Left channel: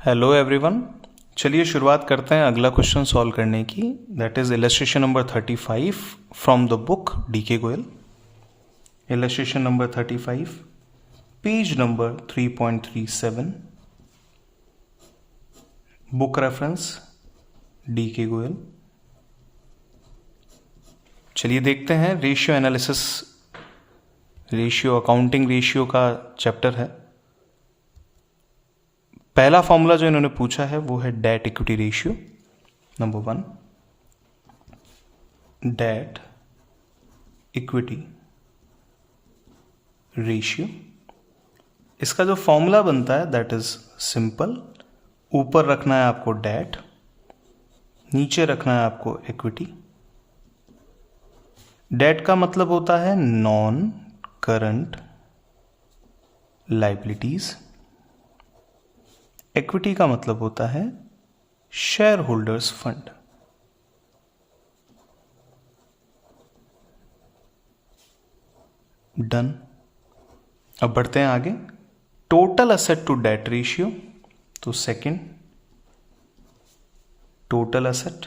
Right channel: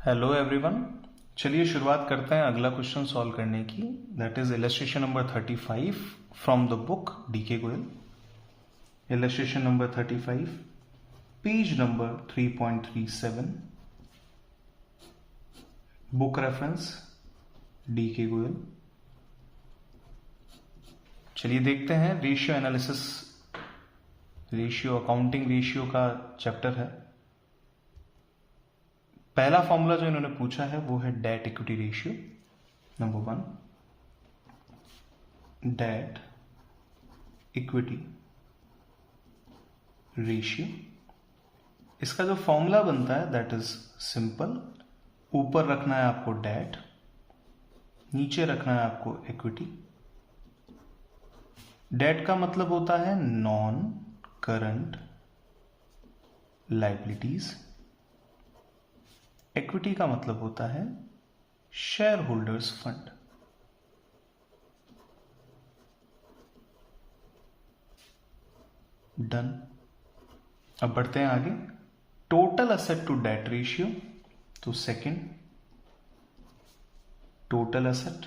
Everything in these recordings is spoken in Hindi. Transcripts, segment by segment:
Hello everyone. चलिए शुरुआत करते हैं अगला क्वेश्चन सॉल्व करने की। That is illustration number 35 from the book DK Goyal. Illustration number 35, page number 3.37, book reference DK Goyal. चलिए देखते हैं, ratio analysis, ratio accounting ratio का चैप्टर है। पहला फॉर्मूला जो इन्होंने पूछा है वो है debt equity ratio. Number 1, debt equity ratio. इसका जो फॉर्मूला बनता है दैट इज सिंपल। ऊपर रखना है आपको डेट, नीचे रखना है आपको इक्विटी। डेट का मतलब होता है नॉन करंट लाइबिलिटीज। इक्विटी का मतलब होता है शेयर होल्डर्स फंड। डन। अब बढ़ते हैं आगे। Total asset to debt ratio, तो second, total asset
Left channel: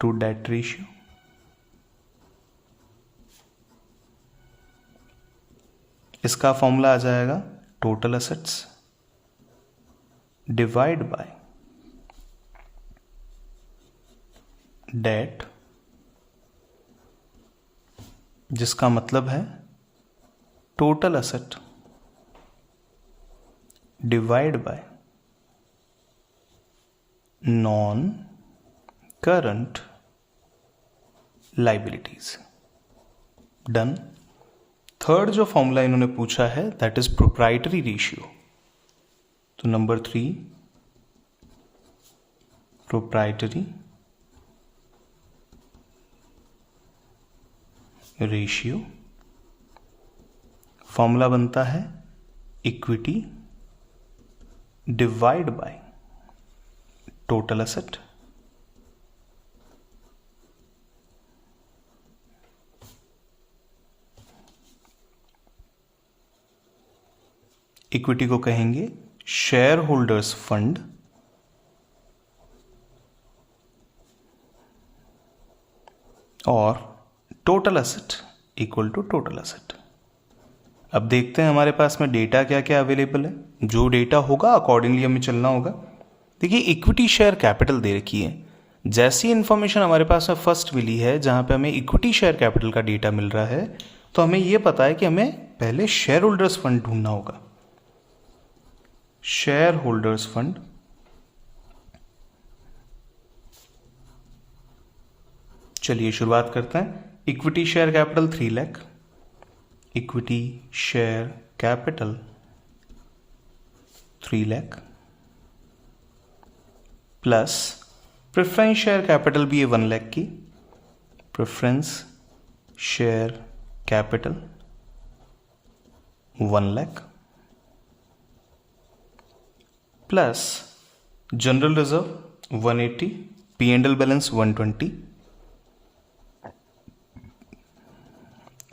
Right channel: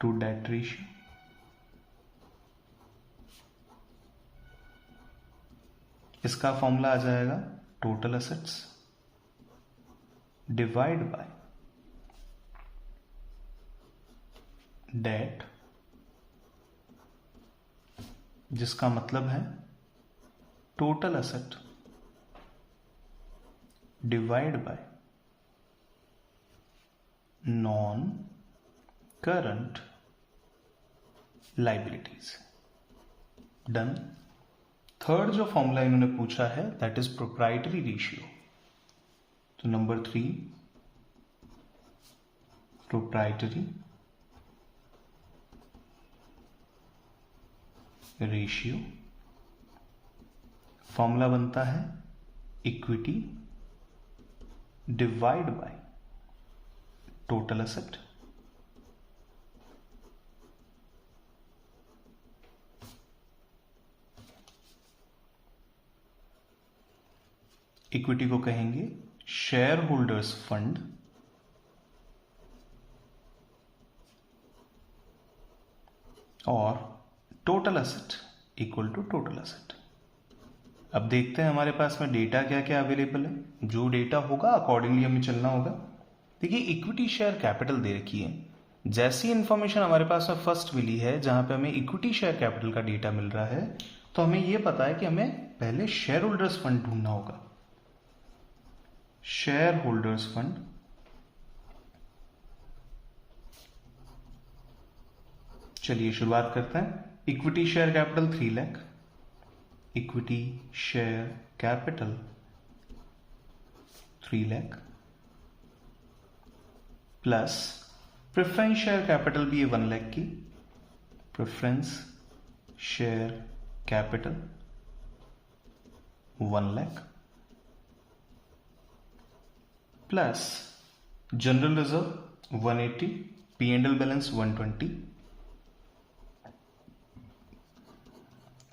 to debt ratio. इसका फॉर्मूला आ जाएगा total assets divide by debt, जिसका मतलब है total asset divide by non current liabilities. Done. Third जो फॉर्मूला इन्होंने पूछा है दैट इज प्रोप्राइटरी रेशियो। तो नंबर 3, प्रोप्राइटरी रेशियो। फॉर्मूला बनता है equity divide by total asset equity को कहेंगे शेयर होल्डर्स फंड और total asset equal to total asset. अब देखते हैं हमारे पास में डेटा क्या क्या अवेलेबल है। जो डेटा होगा अकॉर्डिंगली हमें चलना होगा। देखिए, इक्विटी शेयर कैपिटल दे रखी है। जैसी इंफॉर्मेशन हमारे पास में फर्स्ट मिली है जहां पे हमें इक्विटी शेयर कैपिटल का डेटा मिल रहा है, तो हमें यह पता है कि हमें पहले शेयर होल्डर्स फंड ढूंढना होगा। शेयर होल्डर्स फंड, चलिए शुरुआत करते हैं। Equity share capital 3 lakh, equity share capital 3 lakh plus preference share capital भी है 1 लाख की। Preference share capital 1 lakh plus general reserve 180, P&L balance 120,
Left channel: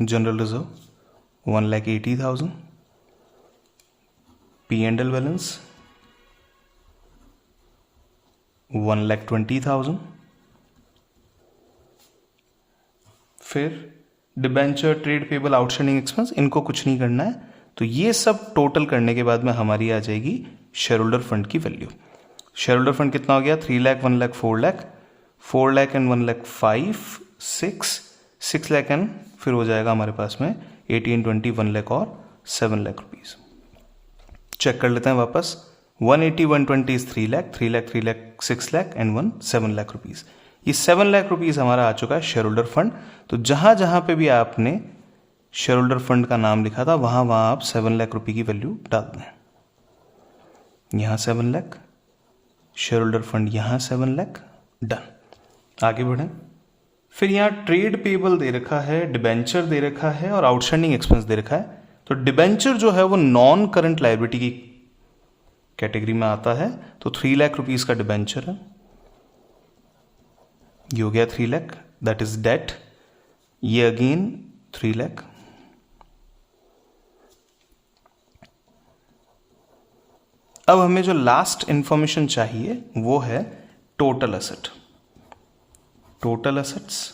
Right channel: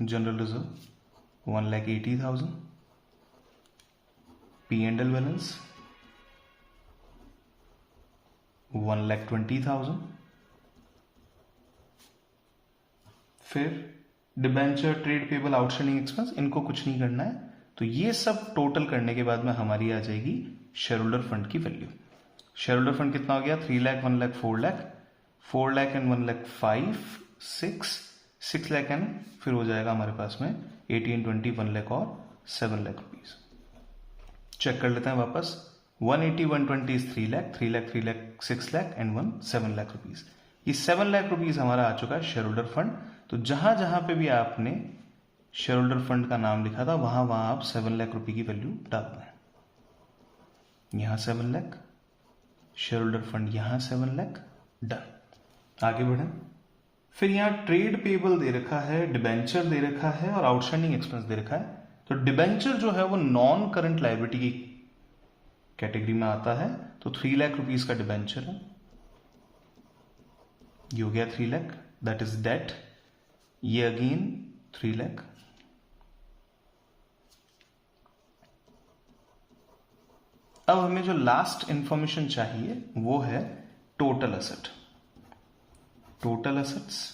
general reserve 1,80,000, P&L balance 1,20,000। फिर debenture, trade payable, outstanding expense, इनको कुछ नहीं करना है। तो ये सब टोटल करने के बाद में हमारी आ जाएगी शेयर होल्डर फंड की वैल्यू। शेयर होल्डर फंड कितना हो गया? 3 लाख, 1 लाख, 4 लाख, 4 लाख एंड 1 लाख 5, 6 लाख एंड फिर हो जाएगा हमारे पास में 18, 20, 1 लाख और 7 लाख रुपीज। चेक कर लेते हैं वापस। 180, 120 is 3 lakh, 3 lakh, 3 lakh, 6 lakh and 7 lakh rupees. ये 7 लाख रुपीज हमारा आ चुका है शेयर होल्डर फंड। तो जहां जहां पे भी आपने शेयर होल्डर फंड का नाम लिखा था वहां वहां आप 7 लाख रुपए की वैल्यू डाल दें। यहां 7 लाख, शेयर होल्डर फंड यहां 7 लाख। डन। आगे बढ़े। फिर यहां ट्रेड पेबल दे रखा है, डिबेंचर दे रखा है और आउटस्टैंडिंग एक्सपेंस दे रखा है। तो डिबेंचर जो है वो नॉन करंट लायबिलिटी की कैटेगरी में आता है। तो 3 लाख रुपीज का डिबेंचर है, ये हो गया 3 लाख, दैट इज डेट। ये अगेन 3 लाख अब हमें जो लास्ट इंफॉर्मेशन चाहिए वो है total asset. Total assets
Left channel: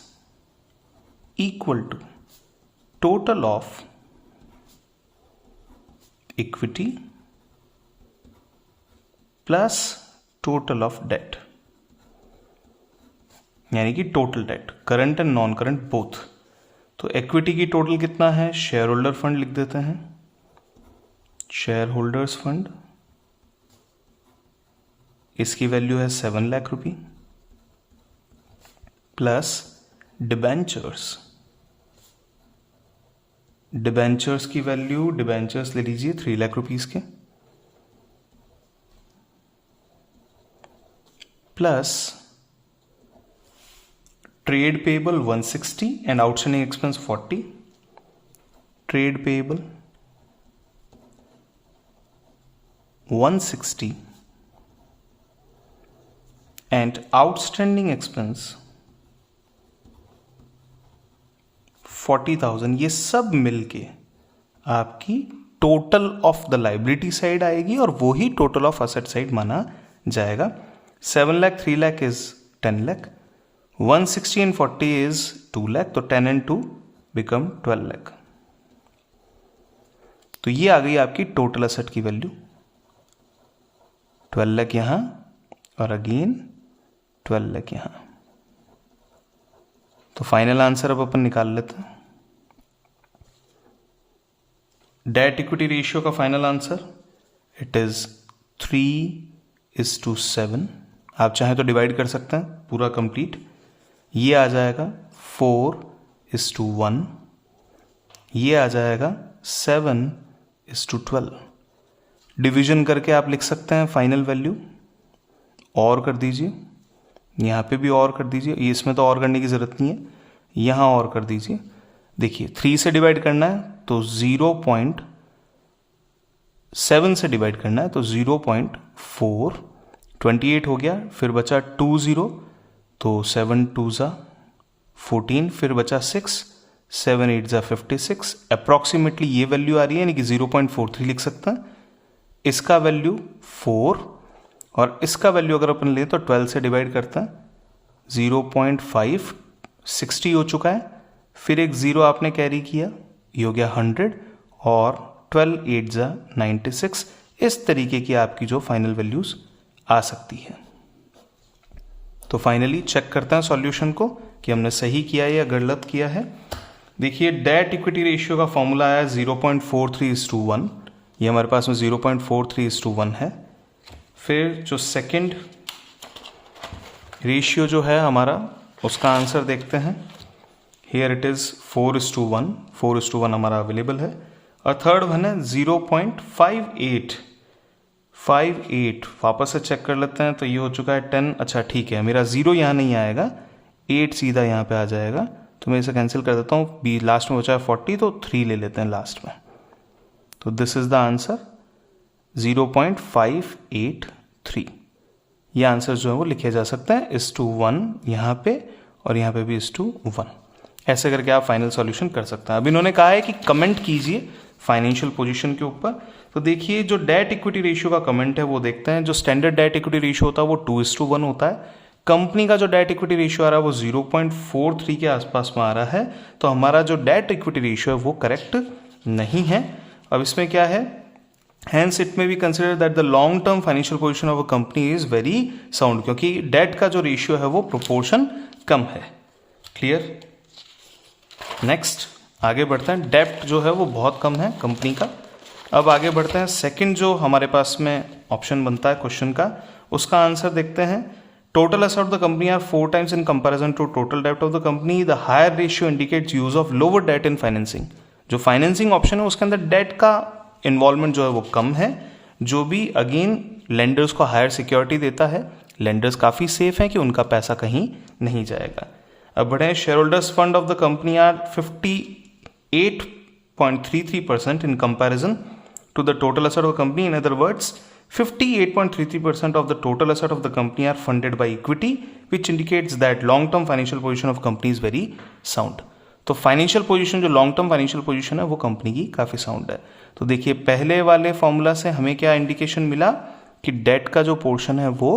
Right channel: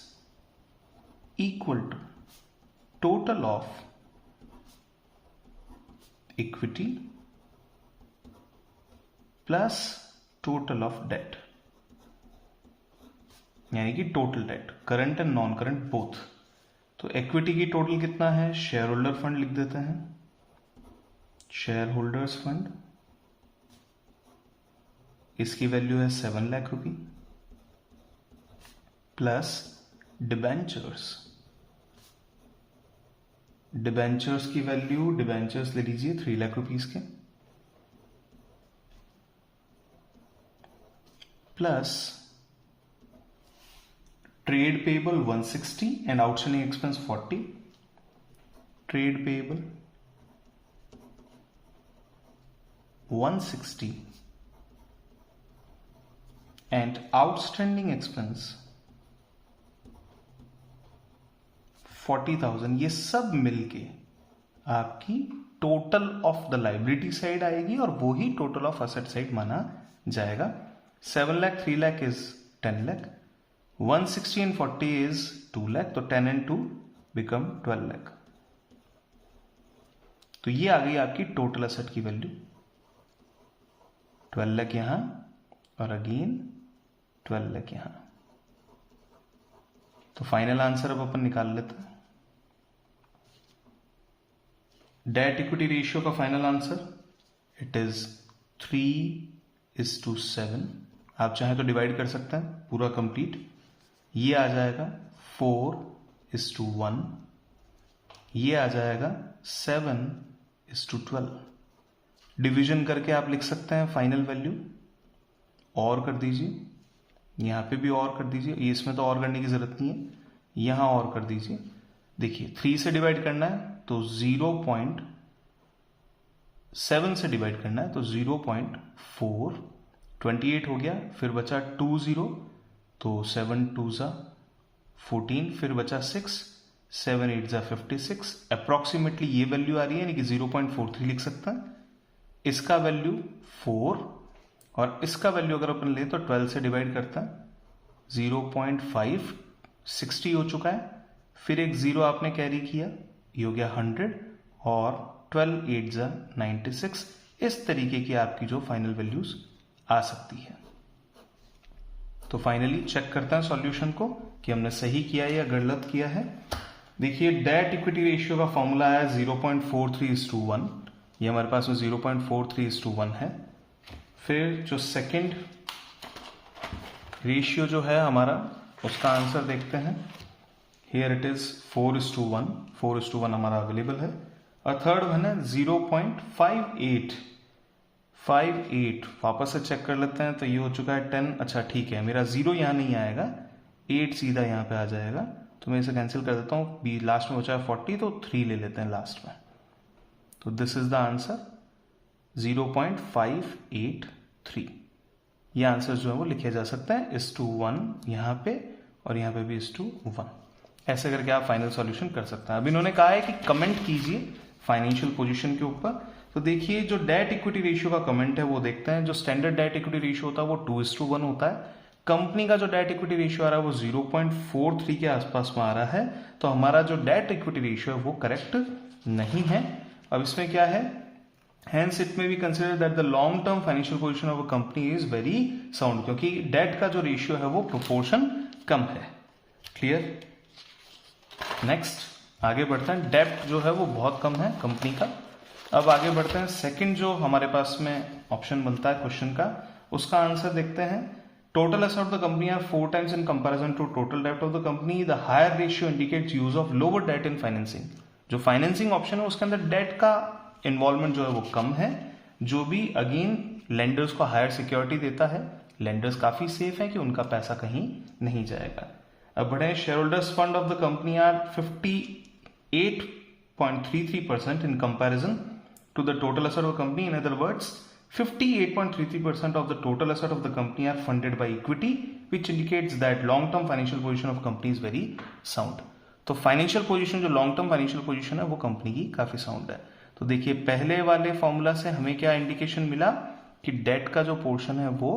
equal to total of equity plus total of debt, यानी कि total debt, current and non current both. तो इक्विटी की टोटल कितना है, शेयर होल्डर फंड लिख देते हैं, शेयर होल्डर्स फंड, इसकी वैल्यू है 7 लाख रुपए, प्लस डिबेंचर्स. डिबेंचर्स की वैल्यू, डिबेंचर्स ले लीजिए 3 लाख रुपीस के, plus trade payable 160 and outstanding expense 40. Trade payable 160 and outstanding expense 40,000. ये सब मिलके आपकी total of the liability side आएगी और वो ही टोटल ऑफ असेट साइड माना जाएगा. 7 lakh 3 lakh is 10 lakh, 160 and 40 is 2 lakh, तो 10 and 2 become 12 lakh. तो ये आ गई आपकी टोटल एसेट की वैल्यू, 12 लाख यहां और अगेन 12 लाख यहां. तो फाइनल आंसर अब अपन निकाल लेते हैं. डेट इक्विटी रेशियो का फाइनल आंसर इट इज 3:7. आप चाहें तो डिवाइड कर सकते हैं पूरा कंप्लीट. ये आ जाएगा 4:1. ये आ जाएगा 7:12. डिवीजन करके आप लिख सकते हैं फाइनल वैल्यू. और कर दीजिए, यहाँ पे भी और कर दीजिए, ये इसमें तो और करने की ज़रूरत नहीं है, यहाँ और कर दीजिए. देखिए 3 से डिवाइड करना है तो 0.7 से डिवाइड करना है तो 0.4. 28 हो गया, फिर बचा 20, तो 7 2 ज़ा 14, फिर बचा 6, 7 8 ज़ा 56. अप्रॉक्सीमेटली ये वैल्यू आ रही है, यानी कि 0.43 लिख सकते हैं. इसका वैल्यू 4 और इसका वैल्यू अगर अपन ले तो 12 से डिवाइड करते हैं 0.5, 60 हो चुका है. फिर एक 0 आपने कैरी किया, ये हो गया 100 और 12 8 ज़ा 96. इस तरीके की आपकी जो फाइनल वैल्यूज आ सकती है. तो फाइनली चेक करते हैं सॉल्यूशन को कि हमने सही किया या गलत किया है. देखिए डेट इक्विटी रेशियो का फॉर्मूला है 0.43:1. ये हमारे पास में 0.43:1 है. फिर जो सेकंड रेशियो जो है हमारा, उसका आंसर देखते हैं. Here it is 4:1. 4:1 हमारा अवेलेबल है. और थर्ड वन है 0.58. वापस से चेक कर लेते हैं. तो ये हो चुका है 10. अच्छा ठीक है, मेरा 0 यहाँ नहीं आएगा, 8 सीधा यहाँ पे आ जाएगा. तो मैं इसे कैंसिल कर देता हूँ. बी लास्ट में बचा है 40, तो 3 ले लेते हैं लास्ट में. तो दिस इज द आंसर 0.583. ये आंसर जो है वो लिखे जा सकता है 1:1 यहाँ पे और यहाँ पे भी 1:1. ऐसे करके आप फाइनल सॉल्यूशन कर सकते हैं. अब इन्होंने कहा है कि कमेंट कीजिए फाइनेंशियल पोजीशन के ऊपर. तो देखिए जो डेट इक्विटी रेशियो का कमेंट है वो देखते हैं. जो स्टैंडर्ड डेट इक्विटी रेशियो होता है वो 2:1 होता है. कंपनी का जो डेट इक्विटी रेशियो आ रहा है वो 0.43 के आसपास में आ रहा है. तो हमारा जो डेट इक्विटी रेशियो है वो करेक्ट नहीं है. अब इसमें क्या है, हैंस इट में be consider that the long term financial position of a company is very sound, क्योंकि डेट का जो रेशियो है वो प्रोपोर्शन कम है. क्लियर. नेक्स्ट आगे बढ़ते हैं. डेब्ट जो है वो बहुत कम है कंपनी का. अब आगे बढ़ते हैं. सेकंड जो हमारे पास में ऑप्शन बनता है क्वेश्चन का, उसका आंसर देखते हैं. Total asset of the company are 4 times in comparison to total डेब्ट of the company. The higher ratio indicates use of lower debt in financing. जो फाइनेंसिंग ऑप्शन है उसके अंदर डेट का इन्वॉल्वमेंट जो है वो कम है, जो भी अगेन लेंडर्स को हायर सिक्योरिटी देता है. लेंडर्स काफ़ी सेफ हैं कि उनका पैसा कहीं नहीं जाएगा. अब बढ़े. Share holders fund of the company are 58.33% in comparison to the total asset of the company. In other words, 58.33% of the total asset of the company are funded by equity, which indicates that long-term financial position of company is very sound. तो फाइनेंशियल पोजीशन, जो लॉन्ग टर्म फाइनेंशियल पोजीशन है वो कंपनी की काफ़ी साउंड है. तो देखिए पहले वाले फॉर्मूला से हमें क्या इंडिकेशन मिला कि डेट का जो पोर्शन है वो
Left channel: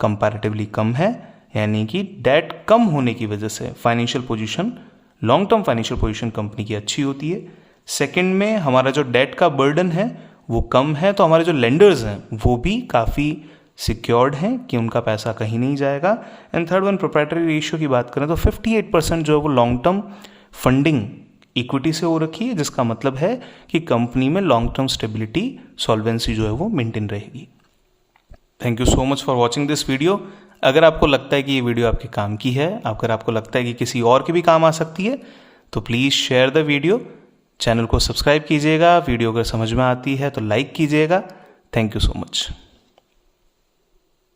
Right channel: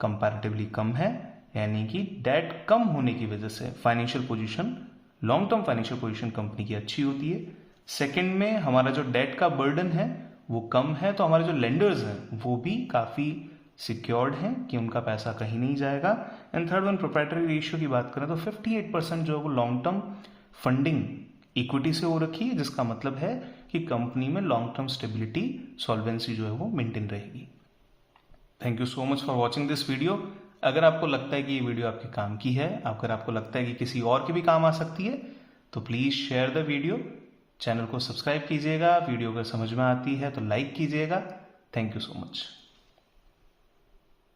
कंपैरेटिवली कम है, यानी कि डेट कम होने की वजह से financial position, long term financial position company की अच्छी होती है। सेकंड में हमारा जो डेट का बर्डन है वो कम है, तो हमारे जो लेंडर्स हैं वो भी काफ़ी सिक्योर्ड हैं कि उनका पैसा कहीं नहीं जाएगा। And third one, proprietary ratio की बात करें तो 58% जो है वो लॉन्ग टर्म फंडिंग इक्विटी से हो रखी है, जिसका मतलब है कि कंपनी में लॉन्ग टर्म स्टेबिलिटी, सॉल्वेंसी जो है वो मेंटेन रहेगी। Thank you so much for watching this video. अगर आपको लगता है कि ये वीडियो आपके काम की है, अगर आपको लगता है कि किसी और के भी काम आ सकती है, तो please share the video, channel को सब्सक्राइब कीजिएगा, वीडियो अगर समझ में आती है तो लाइक कीजिएगा। Thank you so much.